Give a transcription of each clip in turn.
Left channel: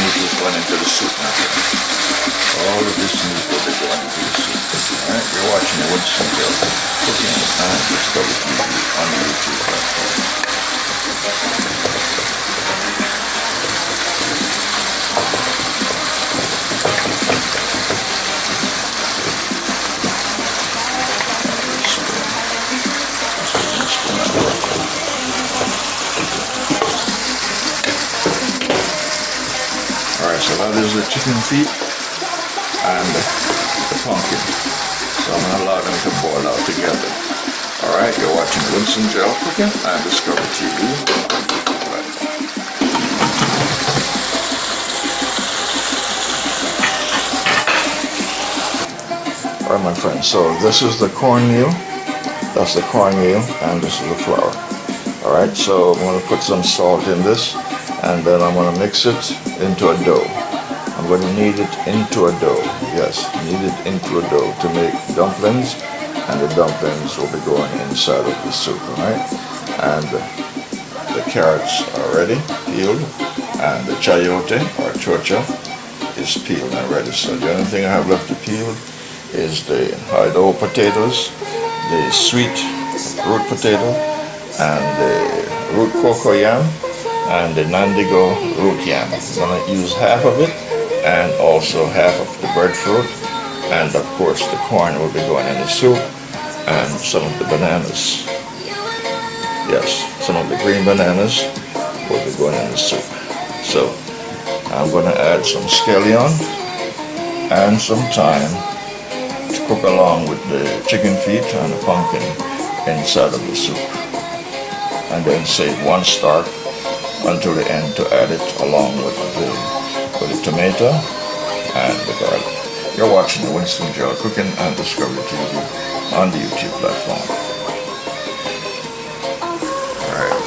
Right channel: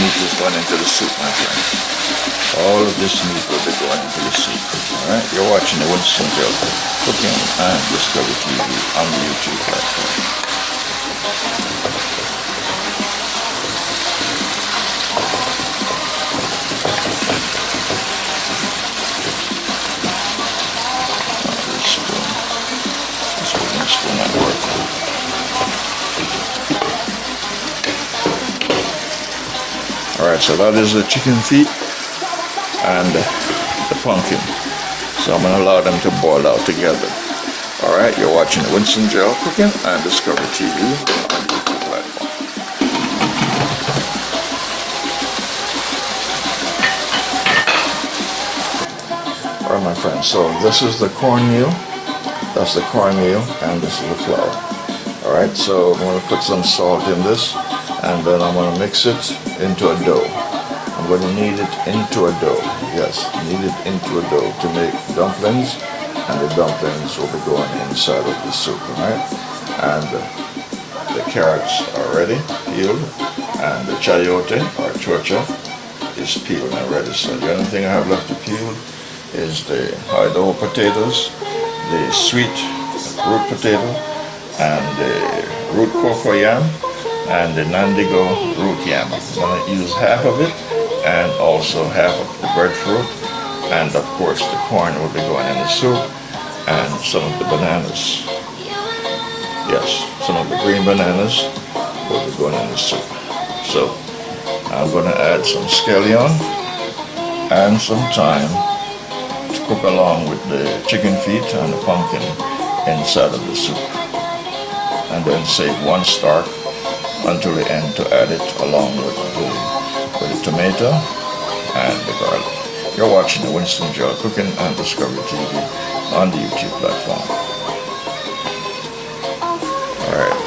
meat is going into the soup now. All of this meat will be going into the soup. Alright, you're watching the Winston Joe Cooking and Discovery TV on the YouTube platform. Alright, so that is the chicken feet and the pumpkin. So I'm going to allow them to boil out together. Alright, you're watching Winston Joe Cooking and Discovery TV. Alright my friends, so this is the cornmeal. That's the cornmeal and this is the flour. Alright, so I'm going to put some salt in this. And then I'm going to mix it into a dough. I'm going to knead it into a dough. Yes, knead it into a dough to make dumplings. And the dumplings will be going inside of the soup, alright? And the carrots are ready, peeled. And the chayote or chocha is peeled and ready. So the only thing I have left to peel is the hard dough potatoes, the sweet root potato, and the root cocoa yam, and the Nandigo root yam. I'm going to use half of it and also half of the breadfruit, and of course the corn will be going in the soup, and some of the bananas. Yes, some of the green bananas will be going in the soup. So I'm going to add some scallion and some thyme to cook along with the chicken feet and the pumpkin inside of the soup, and then save one stalk until the end to add it along with the tomato and the garlic. You're watching the Winston Joe Cooking and Discovery TV on the YouTube platform. Alright,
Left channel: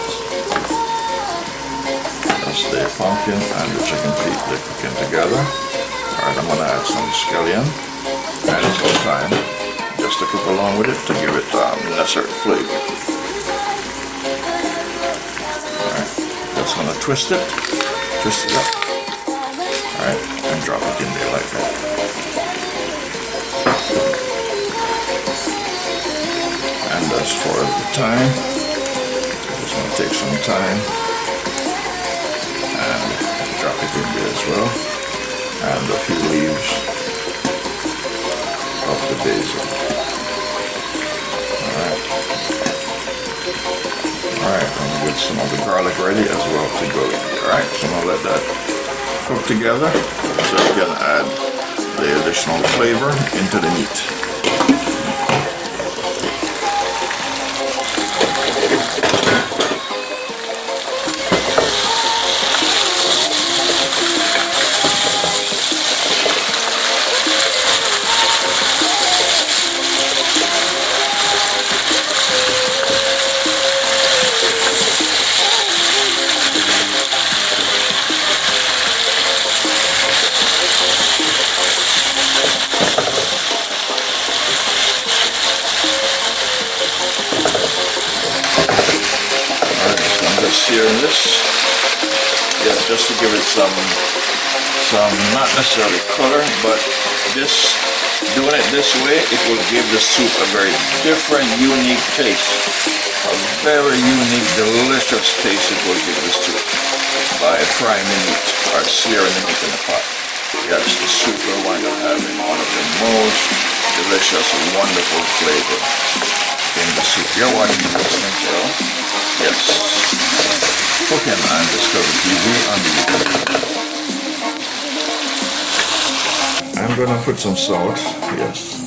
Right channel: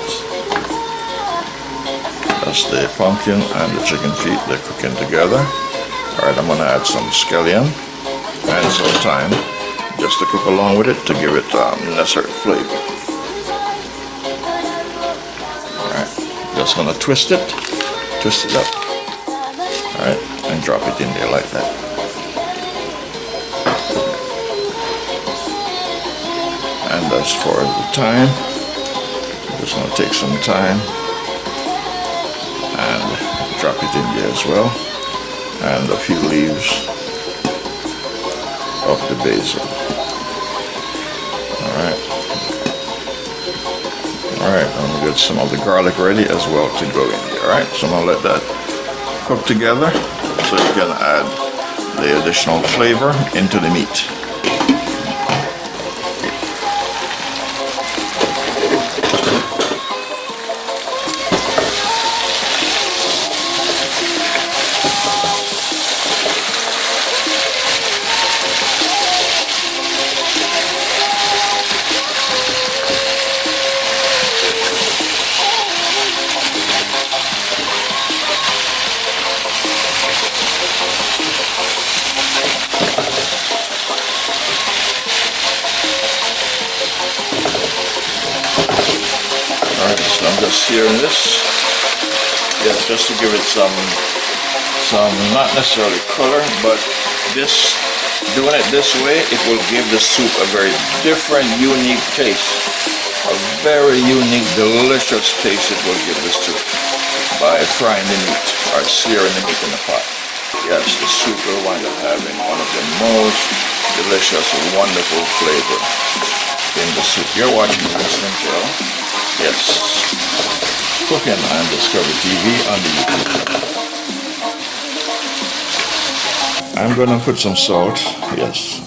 that's the pumpkin and the chicken feet, they're cooking together. Alright, I'm going to add some scallion and some thyme just to cook along with it to give it necessary flavor. Just gonna twist it up. Alright, and drop it in there like that. And as far as the thyme, I'm just gonna take some thyme and drop it in there as well. And a few leaves of the basil. Alright, I'm going to get some of the garlic ready as well to go in there. Alright, so I'm going to let that cook together so you can add the additional flavor into the meat. Searing this, just to give it some not necessarily color, but doing it this way, it will give the soup a very different, unique taste. A very unique, delicious taste it will give this soup by frying the meat or searing the meat in the pot. Yes, the soup will wind up having one of the most delicious and wonderful flavor in the soup. You're watching Winston Joe. Yes. Cooking on Discovery TV on the YouTube. I'm going to put some salt, yes,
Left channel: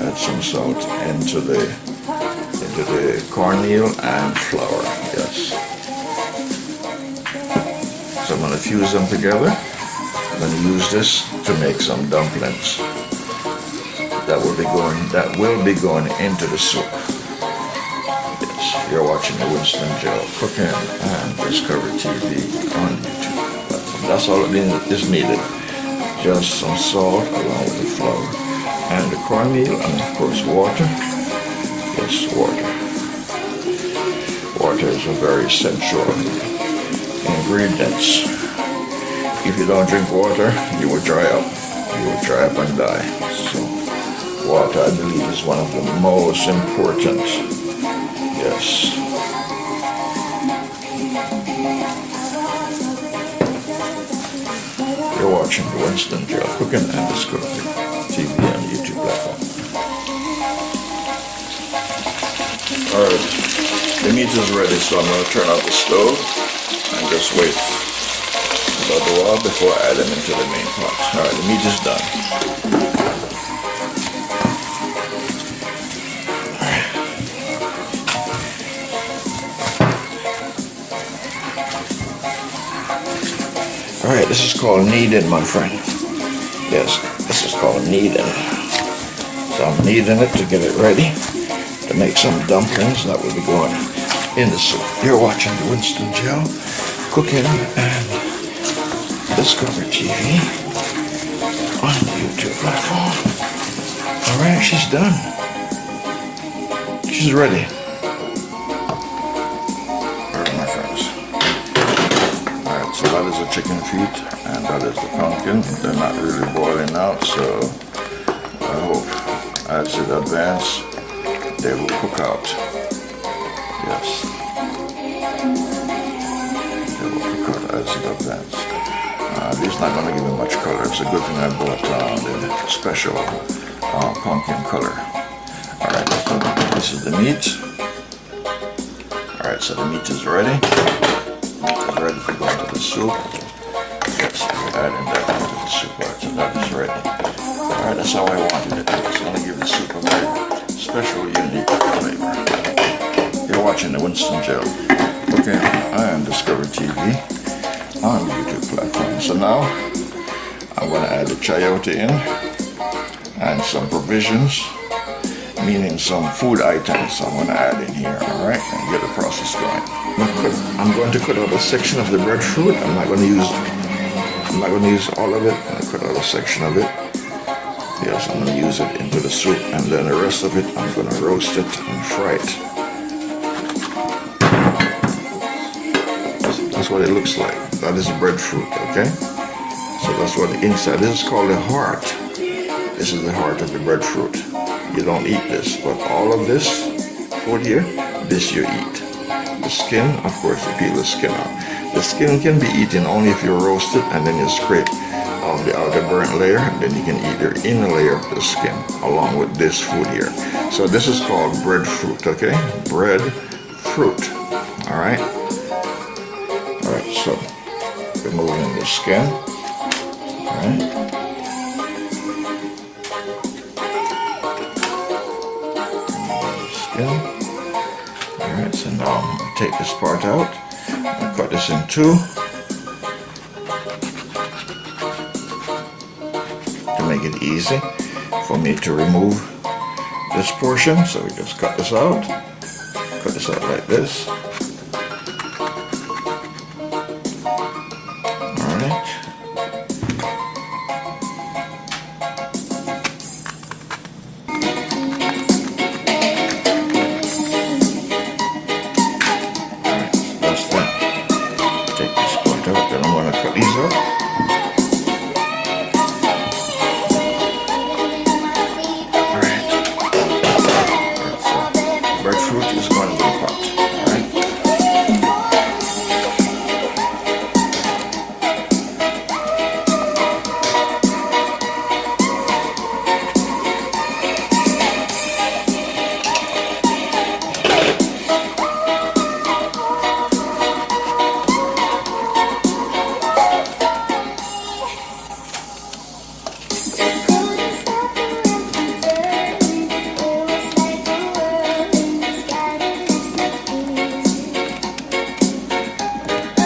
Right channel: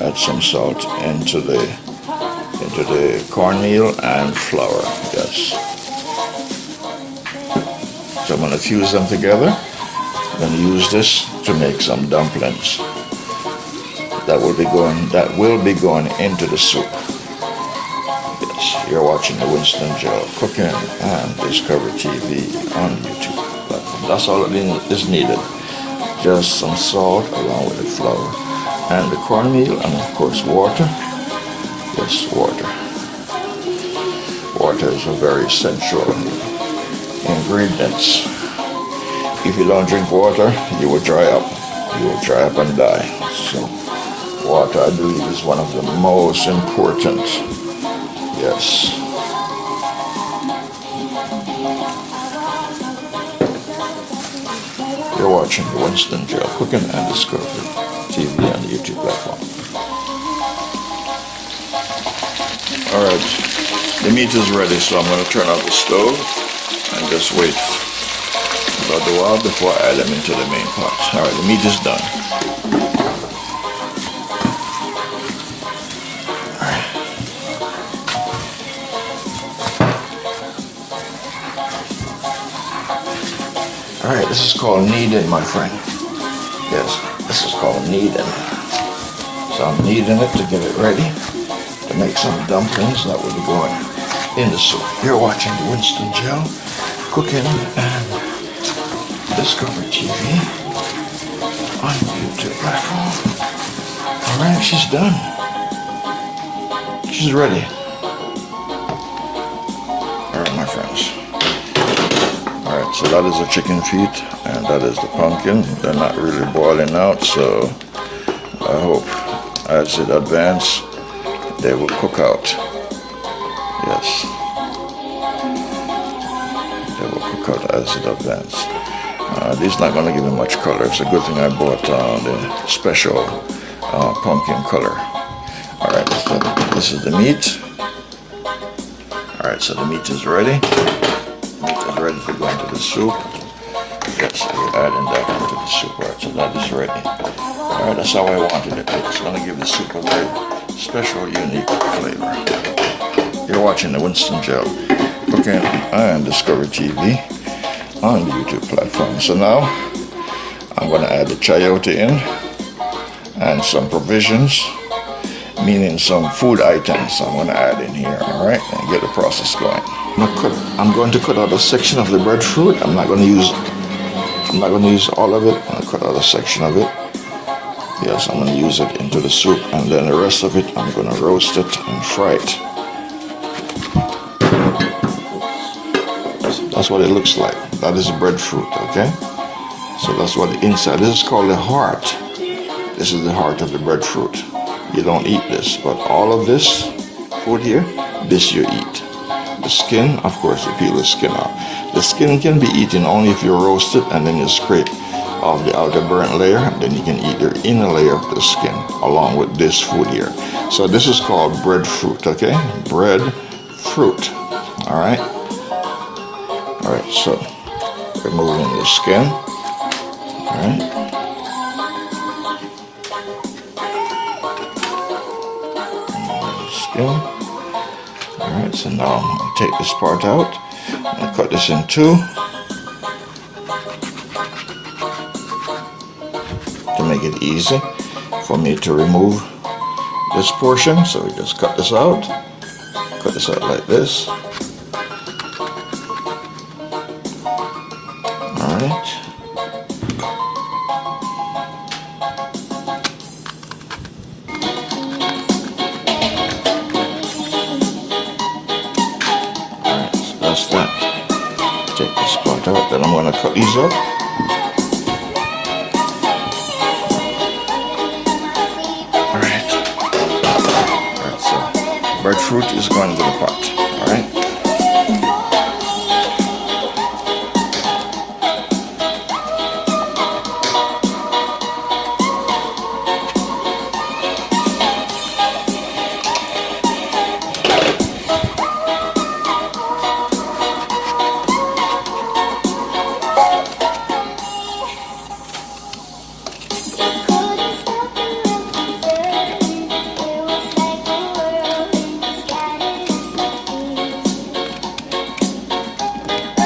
add some salt into the cornmeal and flour, yes. So I'm going to fuse them together. I'm going to use this to make some dumplings that will be going into the soup. Yes, you're watching the Winston Joe Cooking and Discovery TV on YouTube platform. That's all that is needed. Just some salt along with the flour and the cornmeal, and of course water. Yes, water. Water is a very essential ingredient If you don't drink water, you will dry up. You will dry up and die. So water, I believe, is one of the most important. Yes. You're watching the Winston Jail Cooking and Discovery TV on the YouTube platform. Alright, the meat is ready, so I'm going to turn off the stove and just wait about a while before I add them into the main pot. Alright, the meat is done. Alright, this is called kneading, my friend. Yes, this is called kneading. So I'm kneading it to get it ready to make some dumplings that will be going in the soup. You're watching the Winston Jail Cooking and Discovery TV on the YouTube platform. Alright, she's done. She's ready. Alright, my friends. Alright, so that is the chicken feet and that is the pumpkin. They're not really boiling out, so I hope as it advances they will cook out. Yes. They will cook out as it advances. This is not going to give me much color. It's a good thing I bought the special pumpkin color. Alright, this is the meat. Alright, so the meat is ready. Meat is ready to go into the soup. Yes, we're adding that into the soup. Alright, so that is ready. Alright, that's how I wanted it. It's going to give the soup a very special, unique flavor. You're watching the Winston Jail Cooking and Discovery TV on the YouTube platform. So now I'm going to add the chayote in and some provisions, meaning some food items I'm going to add in here. Alright, and get the process going. I'm going to cut out a section of the breadfruit. I'm not going to use all of it. I'm going to cut out a section of it. Yes, I'm going to use it into the soup, and then the rest of it I'm going to roast it and fry it. That's what it looks like. That is breadfruit, okay? So that's what the inside, this is called the heart. This is the heart of the breadfruit. You don't eat this, but all of this food here, this you eat. The skin, of course, you peel the skin off. The skin can be eaten only if you roast it and then you scrape off the outer burnt layer, and then you can eat the inner layer of the skin along with this food here. So this is called breadfruit, okay? Breadfruit. Alright? Alright, so removing the skin. Alright. Skin. Alright, so now I'm going to take this part out and cut this in two to make it easy for me to remove this portion. So we just cut this out like this. Alright. That's that. Take this part out, then I'm going to cut these up. Alright, so breadfruit is going to the pot. Alright.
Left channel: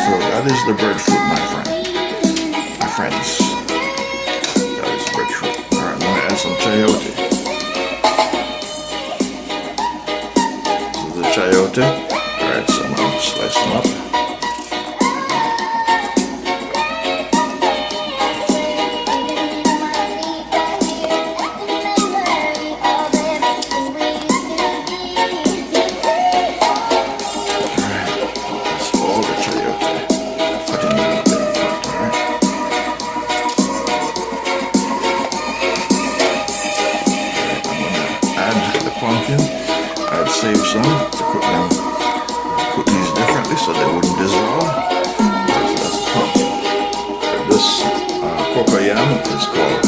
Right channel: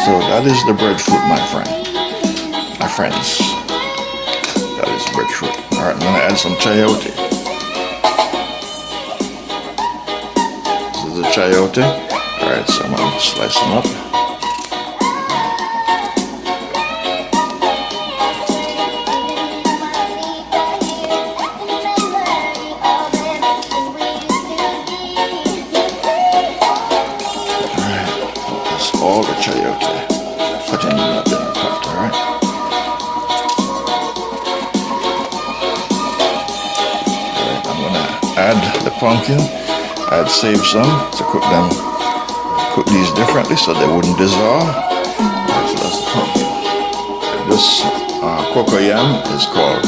So that is the breadfruit, my friends. That is breadfruit. Alright, I'm going to add some chayote. This is the chayote. Alright, so I'm going to slice them up. Alright, that's all the chayote. Put in the pot, alright? I'd save some to cook these differently so they wouldn't dissolve. This cocoa yam is called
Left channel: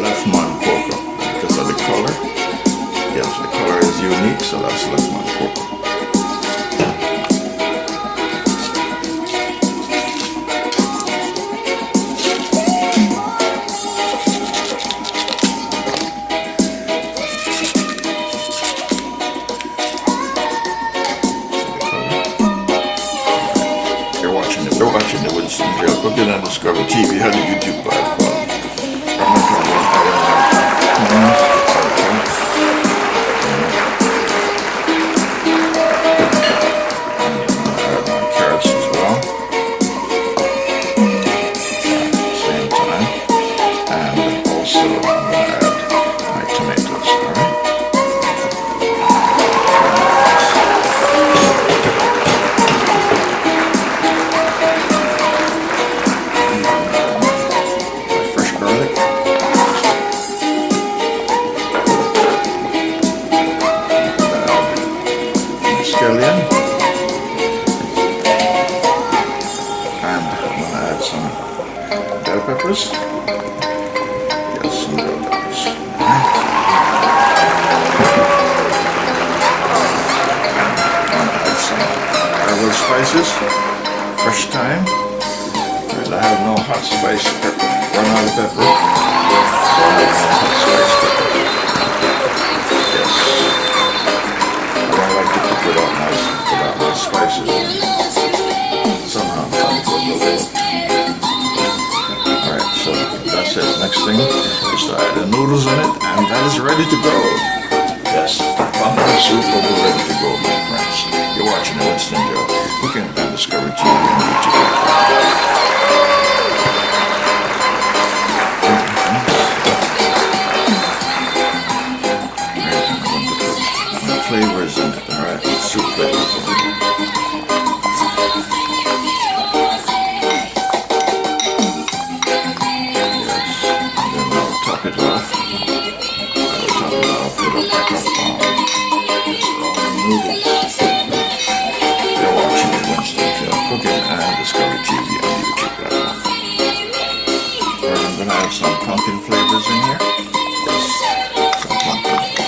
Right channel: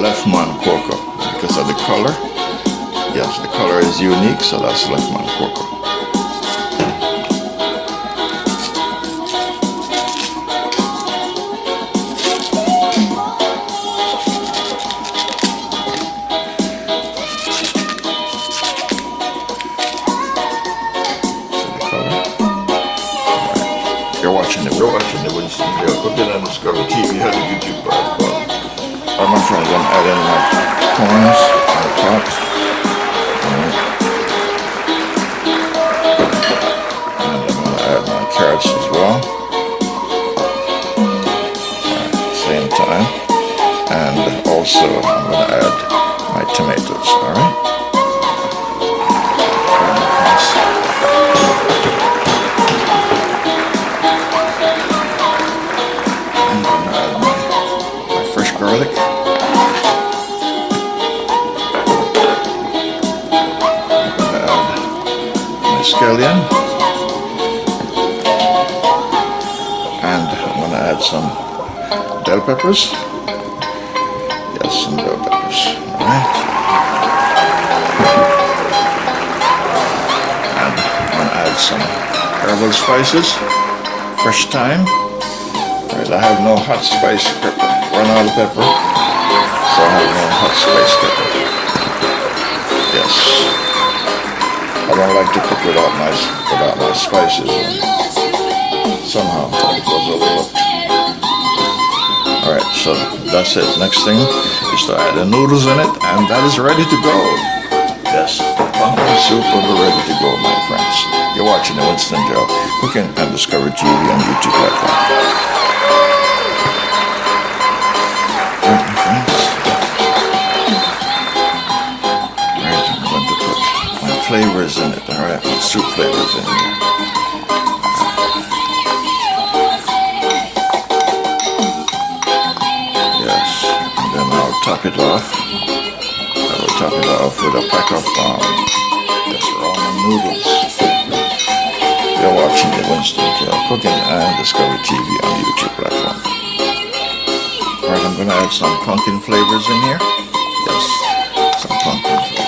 left man cocoa because of the color. Yes, the color is unique, so that's left man cocoa. We're watching the Winston Grill. Put it on the Discovery TV on the YouTube platform. I'm not trying to add any corns or chops. I'm going to add my carrots as well. At the same time. And also I'm going to add my tomatoes, alright? Scallion, and I'm going to add some bell peppers. Yes, some bell peppers. Right. And I'm going to add some other spices, fresh thyme. Right, I have no hot spice pepper, run out of pepper, so I have no hot spice pepper. Yes. I don't like to cook without my spices. Somehow it goes overlooked. Alright, so that's it. Next thing is to add the noodles in it, and that is ready to go. Yes, pumpkin soup will be ready to go, my friends. You're watching the Winston Joe Cooking and Discovery TV on YouTube. Flavors in it, alright? Soup flavors in it. Yes, and then I'll top it off. I'll top it off with a pack of ramen noodles. You're watching the Winston Joe Cooking and Discovery TV on the YouTube platform. Alright, I'm going to add some pumpkin flavors in here. Yes, some pumpkin flavors.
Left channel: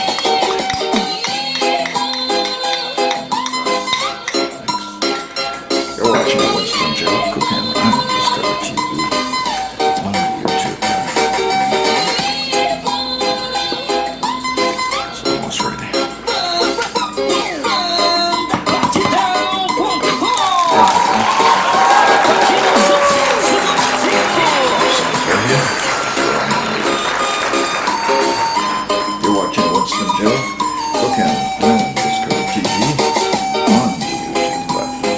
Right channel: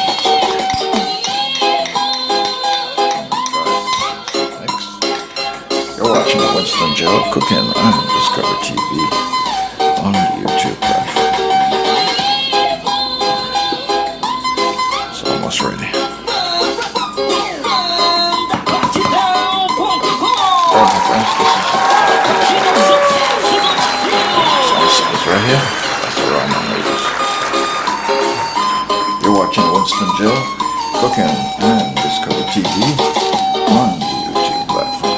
Watching Winston Joe Cooking and Discovery TV on the YouTube platform. It's almost ready. You're watching Winston Joe Cooking and Discovery TV on the YouTube platform.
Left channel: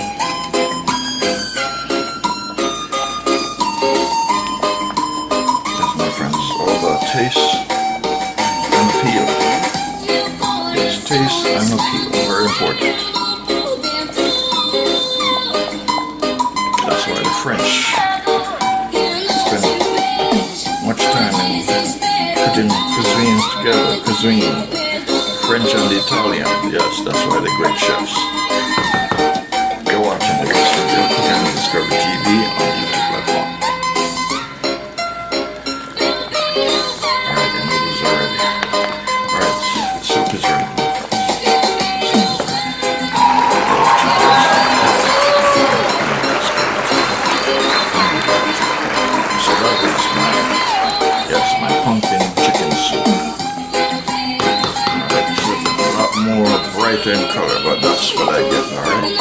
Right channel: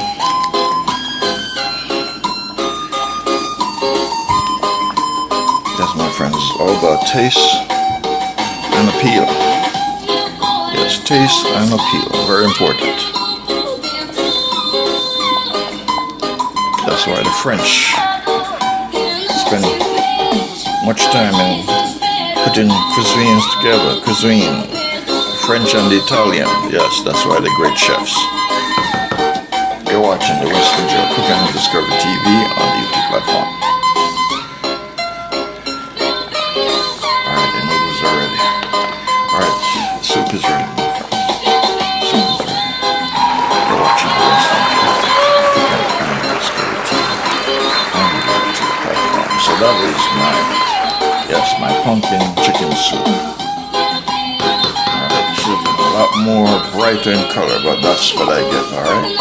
My friends, all about taste and appeal. Yes, taste and appeal, very important. That's why the French spend much time in putting cuisines together. Cuisine, French and the Italian. Yes, that's why they're great chefs. You're watching the Winston Joe Cooking and Discovery TV on the YouTube platform. Soup is ready. So that is my pumpkin chicken soup. Soup is a lot more brighter in color, but that's what I get, alright?